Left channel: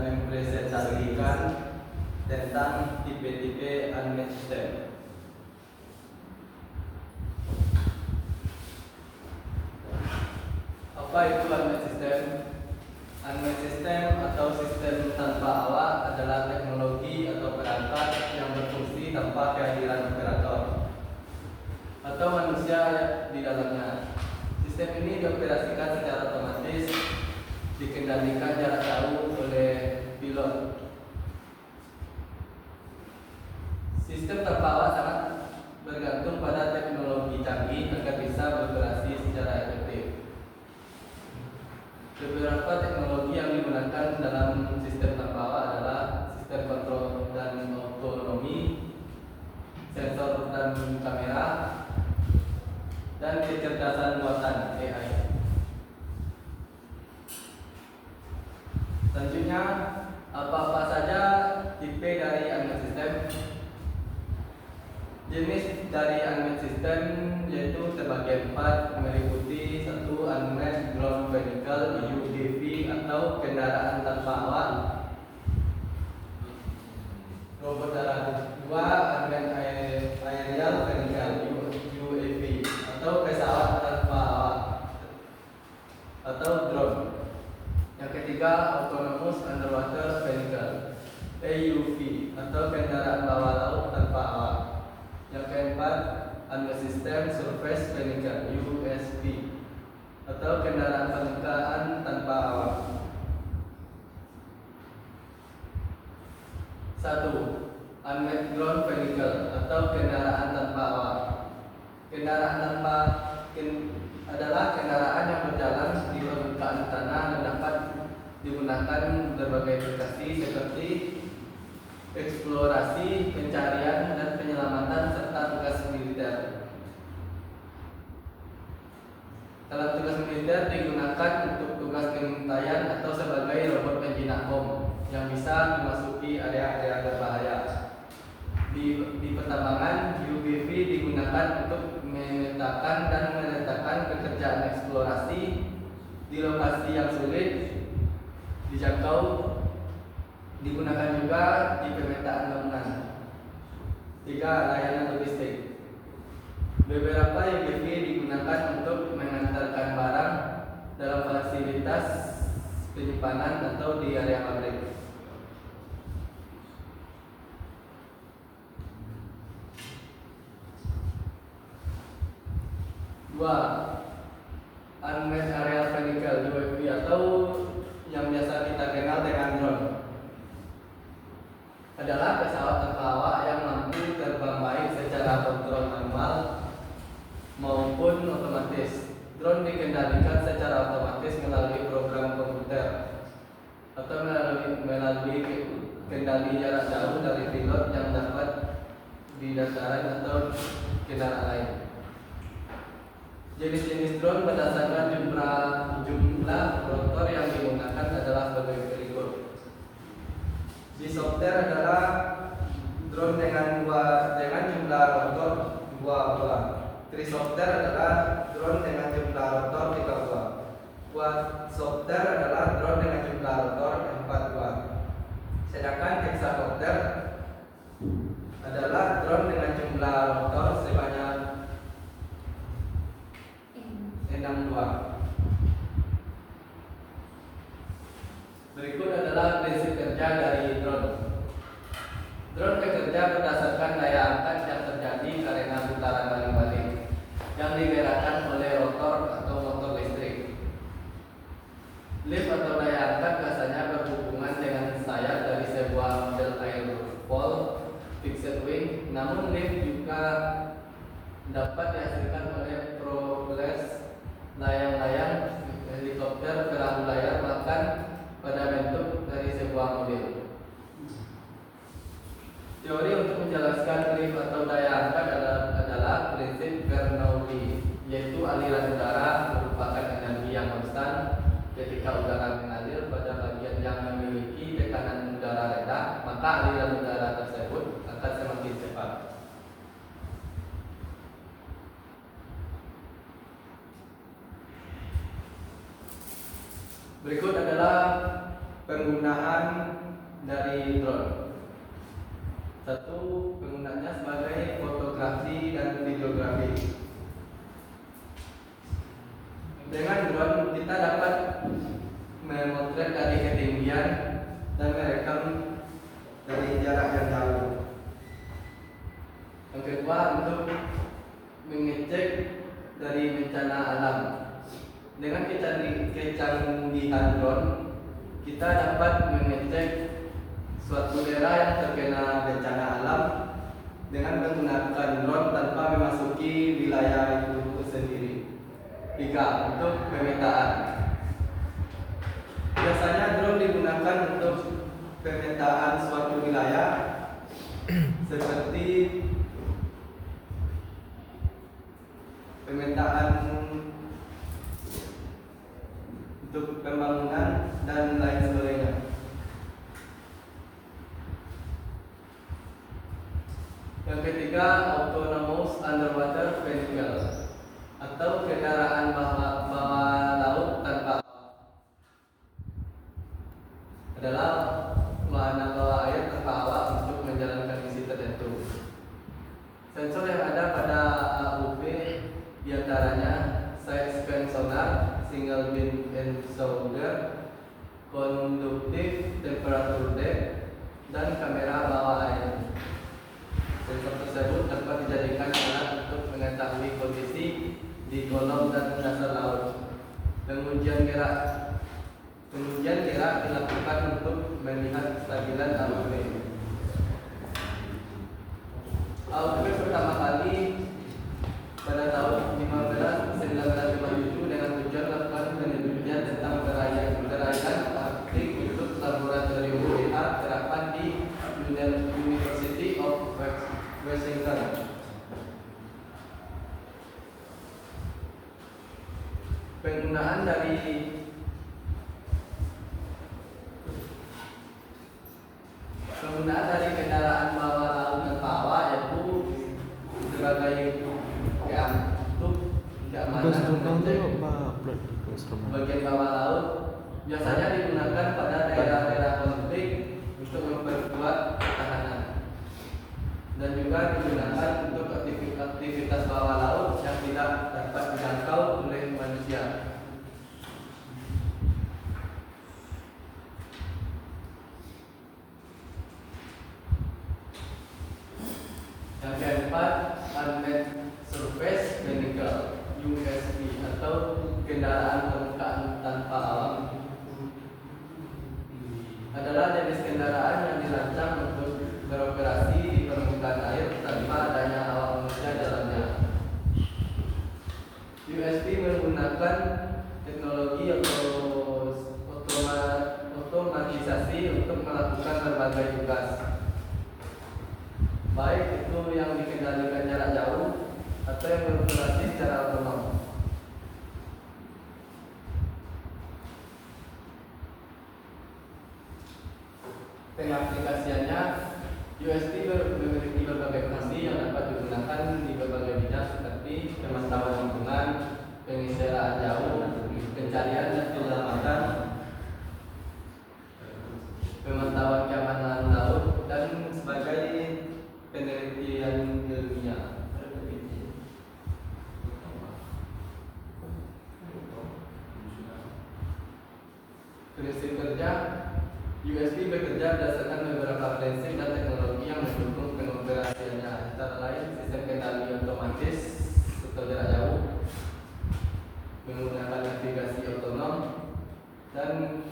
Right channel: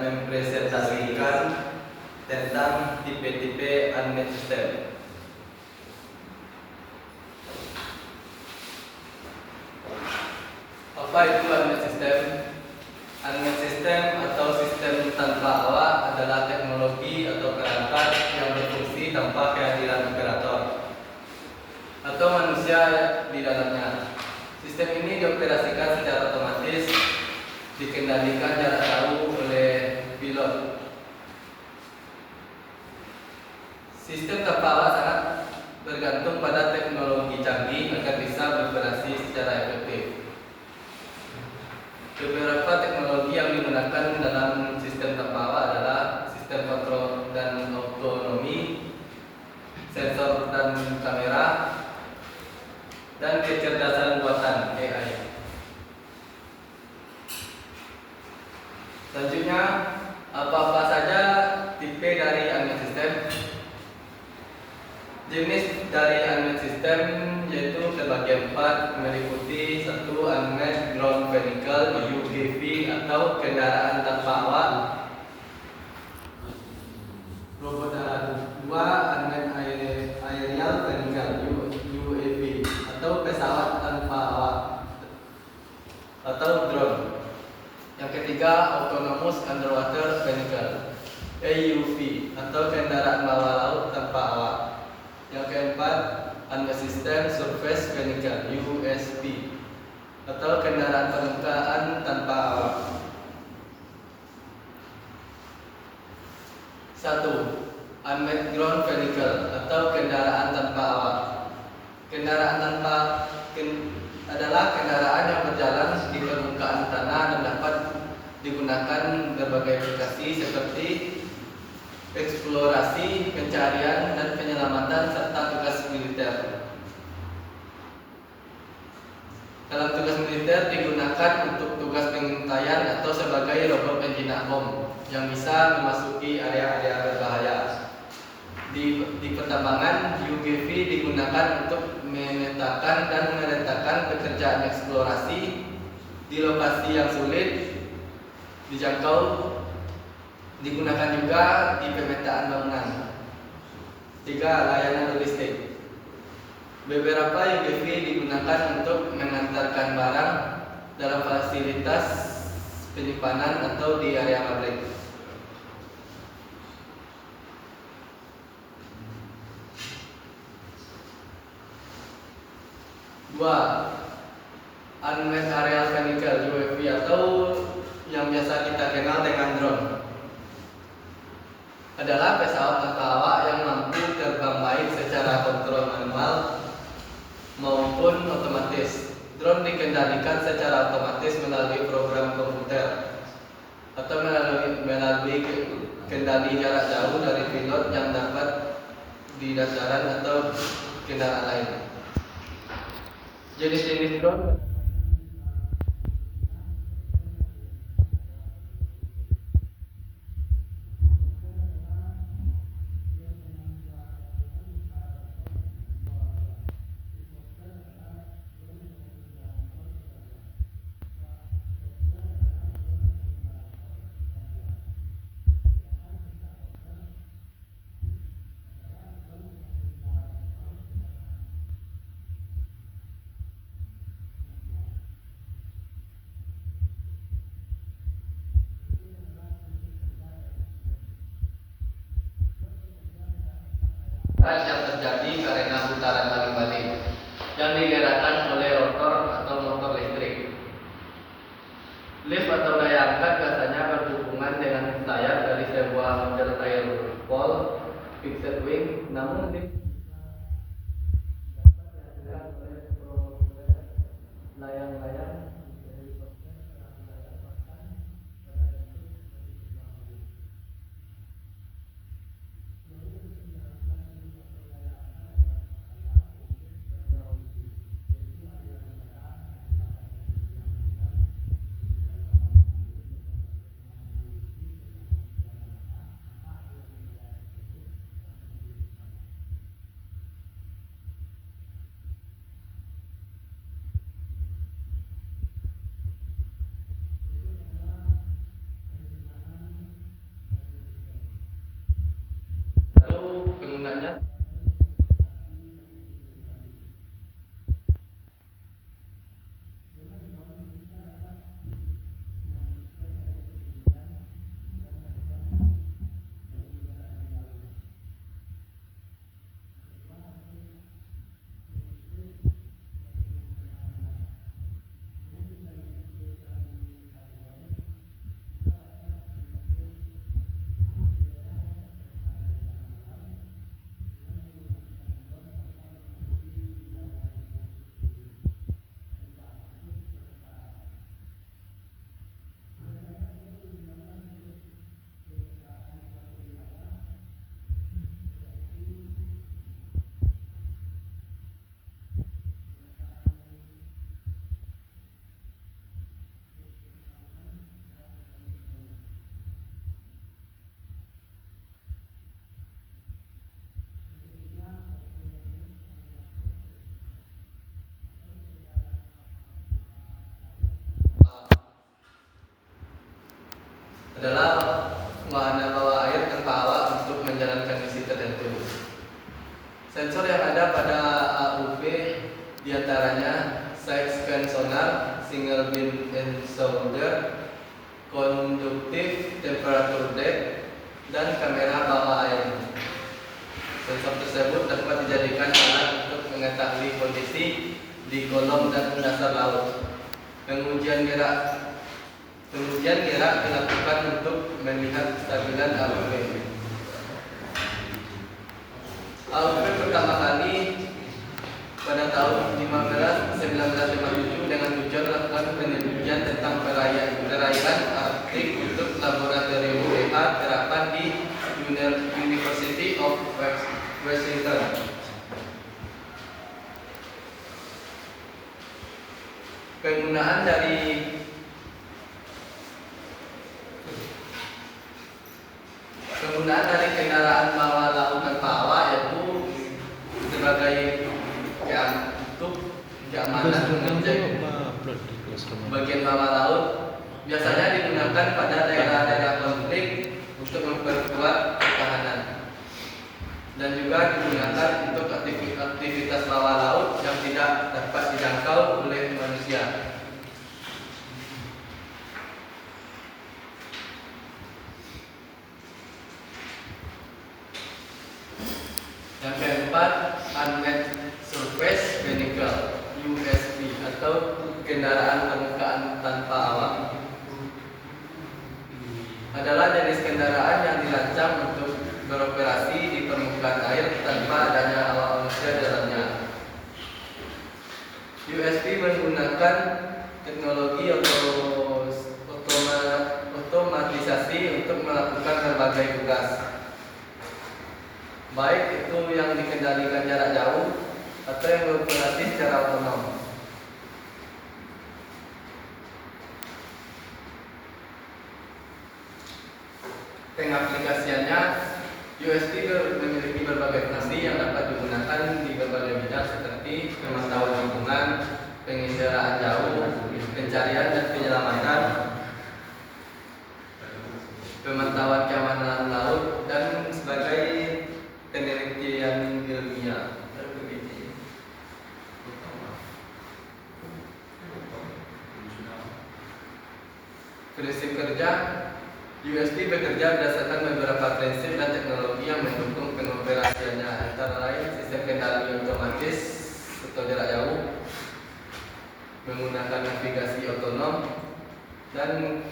mempresentasikan tentang tipe-tipe unmanned system. Apa itu unmanned system? Unmanned system atau sistem tanpa awak adalah teknologi atau perangkat yang berfungsi tanpa kehadiran operator atau manusia di dalamnya. Sistem ini dioperasikan secara otomatis, dikendalikan jarak jauh oleh pilot. Sistem tanpa awak sangat bergantung pada teknologi canggih agar bisa beroperasi secara efektif. Beberapa teknologi yang digunakan dalam sistem tanpa awak adalah sistem kontrol dan otonomi, sensor dan kamera, dan kecerdasan buatan AI. Selanjutnya, apa-apa saja tipe dari unmanned system? Jenis dari unmanned system yaitu terbagi 4, meliputi 1. Unmanned ground vehicle (UGV) atau kendaraan tanpa awak, robot darat. 2. Unmanned aerial vehicle (UAV) atau pesawat tanpa awak atau drone. Yang ketiga, autonomous underwater vehicle (AUV) atau kendaraan bawah laut tanpa awak. Yang keempat, unmanned system surface vehicle (USV) atau kendaraan permukaan tanpa awak. 1. Unmanned ground vehicle atau kendaraan tanpa awak. Adalah kendaraan yang berjalan di permukaan tanah dan dapat digunakan berbagai aplikasi seperti eksplorasi, pencarian, dan penyelamatan serta tugas militer. Dalam tugas militer digunakan untuk tugas pengintaian atau sebagai robot penjinak bom yang bisa memasuki area-area berbahaya. Di pertambangan, UGV digunakan untuk memetakan dan menetapkan pekerjaan eksplorasi di lokasi yang sulit dijangkau. Digunakan juga di pemetaan bangunan. 3. Layanan logistik. Beberapa UGV digunakan untuk mengantarkan barang dalam fasilitas penyimpanan atau di area pabrik. 2. Unmanned aerial vehicle (UAV) atau yang biasa kita kenal dengan drone adalah pesawat tanpa awak yang mampu terbang baik secara kontrol manual maupun otomatis. Drone dikendalikan secara otomatis melalui program komputer atau melalui kendali jarak jauh dari pilot yang dapat di dataran atau kendaraan lain. Jenis-jenis drone berdasarkan jumlah rotor yang digunakan adalah sebagai berikut. Disopter adalah drone dengan jumlah rotor 2 buah. Trisopter adalah drone dengan jumlah rotor 3 buah. Quadcopter adalah drone dengan jumlah rotor 4 buah. Sedangkan hexacopter adalah drone dengan jumlah rotor sebanyak 6 buah. Berikut adalah prinsip kerja dari drone. Drone bekerja berdasarkan daya angkat yang terjadi karena putaran balik-balik yang digerakkan oleh rotor atau motor listrik. Lift atau daya angkat biasanya berhubungan dengan sayap dari sebuah model airfoil fixed wing, namun lift juga dapat dihasilkan oleh propellers, layang-layang, helikopter, perahu layar, bahkan pada bentuk dari sebuah mobil. Teori untuk menjelaskan lift atau daya angkat adalah prinsip Bernoulli, yaitu aliran udara merupakan energi yang konstan. Ketika udara mengalir pada bagian yang memiliki tekanan udara rendah, maka aliran udara tersebut akan semakin cepat. Kegunaannya sebagai fotografi dan videografi. Dengan drone kita dapat memotret dari ketinggian dan merekam dari jarak yang jauh. Yang kedua, untuk mengecek dari bencana alam. Dengan kecanggihan drone, kita dapat mengecek suatu daerah yang terkena bencana alam dengan menggunakan drone tanpa memasuki wilayah itu sendiri. 3. Untuk pemetaan. Biasanya drone digunakan untuk pemetaan suatu wilayah seperti pemetaan untuk pembangunan dan lain sebagainya. Yang ketiga, autonomous underwater vehicle atau kendaraan bawah laut tanpa awak. Adalah wahana bawah air tanpa awak untuk menjalankan misi tertentu. Sensor yang ada pada AUV diantaranya side scan sonar, single beam sounder, conductive temperature depth, dan kamera bawah air. Sensor tersebut dapat dijadikan alat untuk mengetahui kondisi di kolom dan dasar laut. Pengujian gerak dilakukan untuk melihat kestabilan AUV. AUV pertama kali pada tahun 1957 dengan tujuan melakukan penelitian tentang perairan Arktik untuk laboratorium WH terapan di University of Washington. Penggunaan dari kendaraan bawah laut tanpa awak yaitu sebagai untuk keamanan mengecek bagian bawah laut, biasanya digunakan pada daerah-daerah konflik untuk memperkuat pertahanan, dan juga digunakan untuk aktivitas bawah laut yang tidak dapat dijangkau oleh manusia. Yang keempat, unmanned surface vehicle (USV) atau kendaraan permukaan tanpa awak adalah jenis kendaraan yang dirancang untuk beroperasi di permukaan air tanpa adanya awak manusia dalamnya. USV menggunakan teknologi otomatisasi untuk melakukan berbagai tugas, baik itu yang dikendalikan jarak jauh atau yang beroperasi secara otonom. Pengaplikasiannya, USV memiliki berbagai fungsi yang dapat digunakan di berbagai bidang seperti pemantauan lingkungan, penginderaan jauh, pencarian dan penyelamatan, pemantauan keamanan laut, dan sebagai penelitian ilmiah. Prinsip kerja, USV bekerja berdasarkan beberapa prinsip dan teknologi yang mendukung pengoperasiannya, antara lain sistem kendali otomatis atau jarak jauh, menggunakan navigasi otonom, dan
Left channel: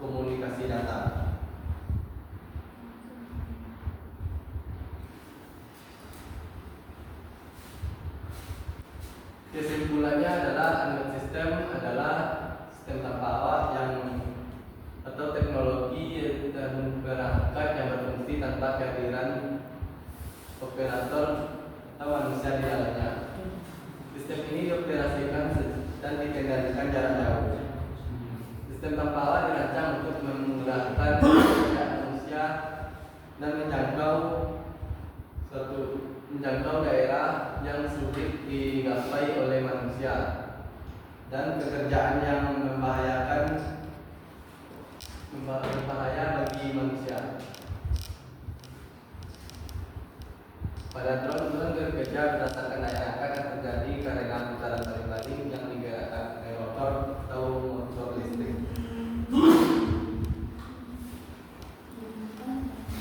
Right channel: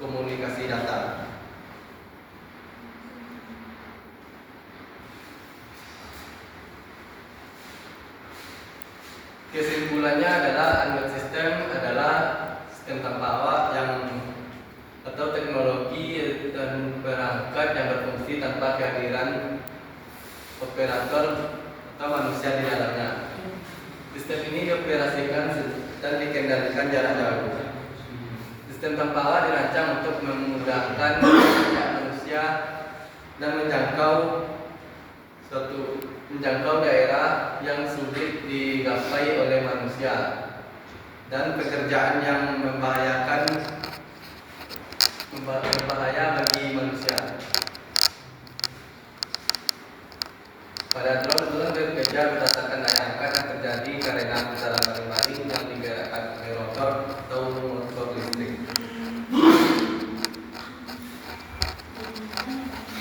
komunikasi data. Kesimpulannya adalah unmanned system adalah sistem tanpa awak atau teknologi dan perangkat yang berfungsi tanpa kehadiran operator atau manusia di dalamnya. Sistem ini dioperasikan dan dikendalikan jarak jauh. Sistem tanpa awak dirancang untuk memudahkan manusia dan menjangkau daerah yang sulit digapai oleh manusia dan pekerjaan yang berbahaya bagi manusia. Pada drone bekerja berdasarkan daya angkat yang terjadi karena putaran baling-baling yang digerakkan oleh rotor atau motor listrik.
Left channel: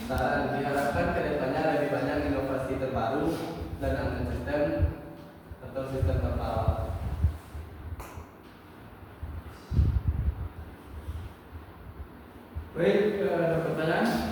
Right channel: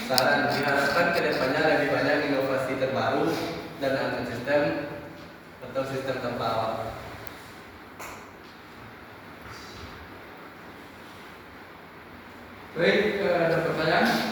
Saran, diharapkan kedepannya lebih banyak inovasi terbaru dan ada sistem atau sistem terbawa. Baik, ada pertanyaan?